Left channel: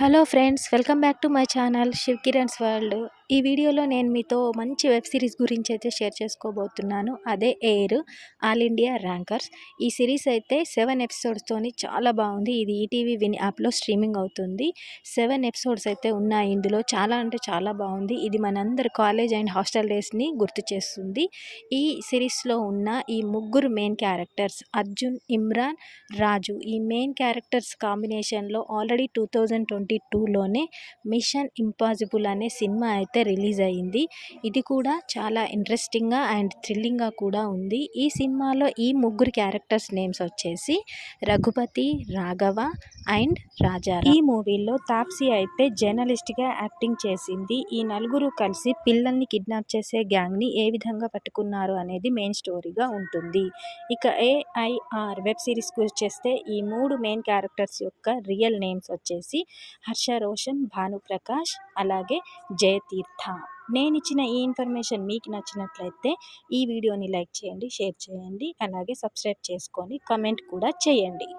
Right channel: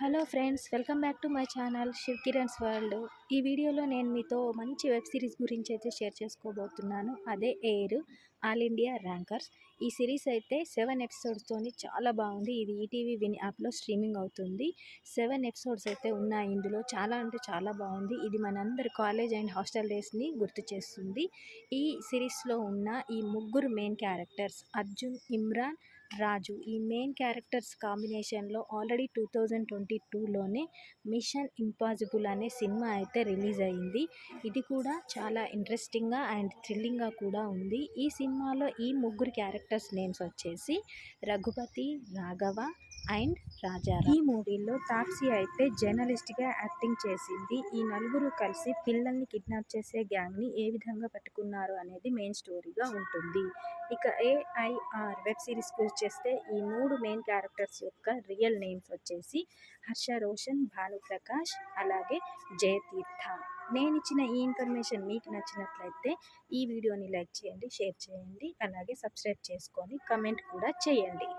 Hello friends, welcome back to my channel Shiv Kiran's World. ఈ వీడియోలో నేను మీతో మంచి వెబ్ సిరీస్ గురించి అయితే షేర్ చేసుకోబోతున్నాను అదే ఎయిర్ ఆల్ ఇండియా ర్యాంకర్స్ ఈ సిరీస్ అయితే సెవెన్ ఎపిసోడ్స్తోని చాలా బాగుంది ఇది ఈటీవీ విన్ యాప్లో స్ట్రీమింగ్ అవుతుంది సెవెన్ ఎపిసోడ్స్ అయితే ఉన్నాయి ఇందులో చాలా అంటే చాలా బాగుంది ఇది మనందరి కాలేజ్ అండ్ హాస్టల్ డేస్ని గుర్తు చేస్తుంది ఈ సిరీస్లో ఉన్న ఈ ముగ్గురు మెయిన్ క్యారెక్టర్స్ అర్జున్ ఇమ్రాన్ రాజు ఈ మెయిన్ క్యారెక్టర్స్ కాంబినేషన్లో ఆల్రెడీ టూ థౌజండ్ ట్వంటీ టూలోనే మిషన్ ఇంపాసిబుల్ అనే సినిమా అయితే అయితే రిలీజ్ అయ్యింది ఇది కూడా చాలా ఇంట్రెస్టింగ్గా అండ్ థ్రిల్లింగ్గా కూడా ఉంది ఈ సినిమాలో ఈ ముగ్గురు క్యారెక్టర్స్ నేమ్స్ వచ్చేసి రఘుపతి రాఘవ అండ్ రాజా ఈ మూవీలో తాప్సీ అయితే జర్నలిస్ట్గా యాక్టింగ్ చేసింది ఈ నలుగురు కలిసి పిల్లల్ని కిడ్నాప్ చేసే గ్యాంగ్ని ఏ విధంగా పట్టుకున్నారు అనేది మెయిన్ స్టోరీగా ఉంటుంది ఇక ఏఐఆర్ వెబ్ సిరీస్ చేస్తే ఈ మూడు మెయిన్ క్యారెక్టర్స్ యొక్క రియల్ నేమ్స్ వచ్చేసి హర్ష రోషన్ భానుప్రకాష్ అలాగే జయతీర్థ నేను ఇచ్చిన ఈ ఇన్ఫర్మేషన్ మీకు నచ్చినట్లయితే ఈ వీడియోని లైక్ చేయండి షేర్ చేయండి అలాగే సబ్స్క్రైబ్ చేసుకొని కమెంట్ కూడా చేయండి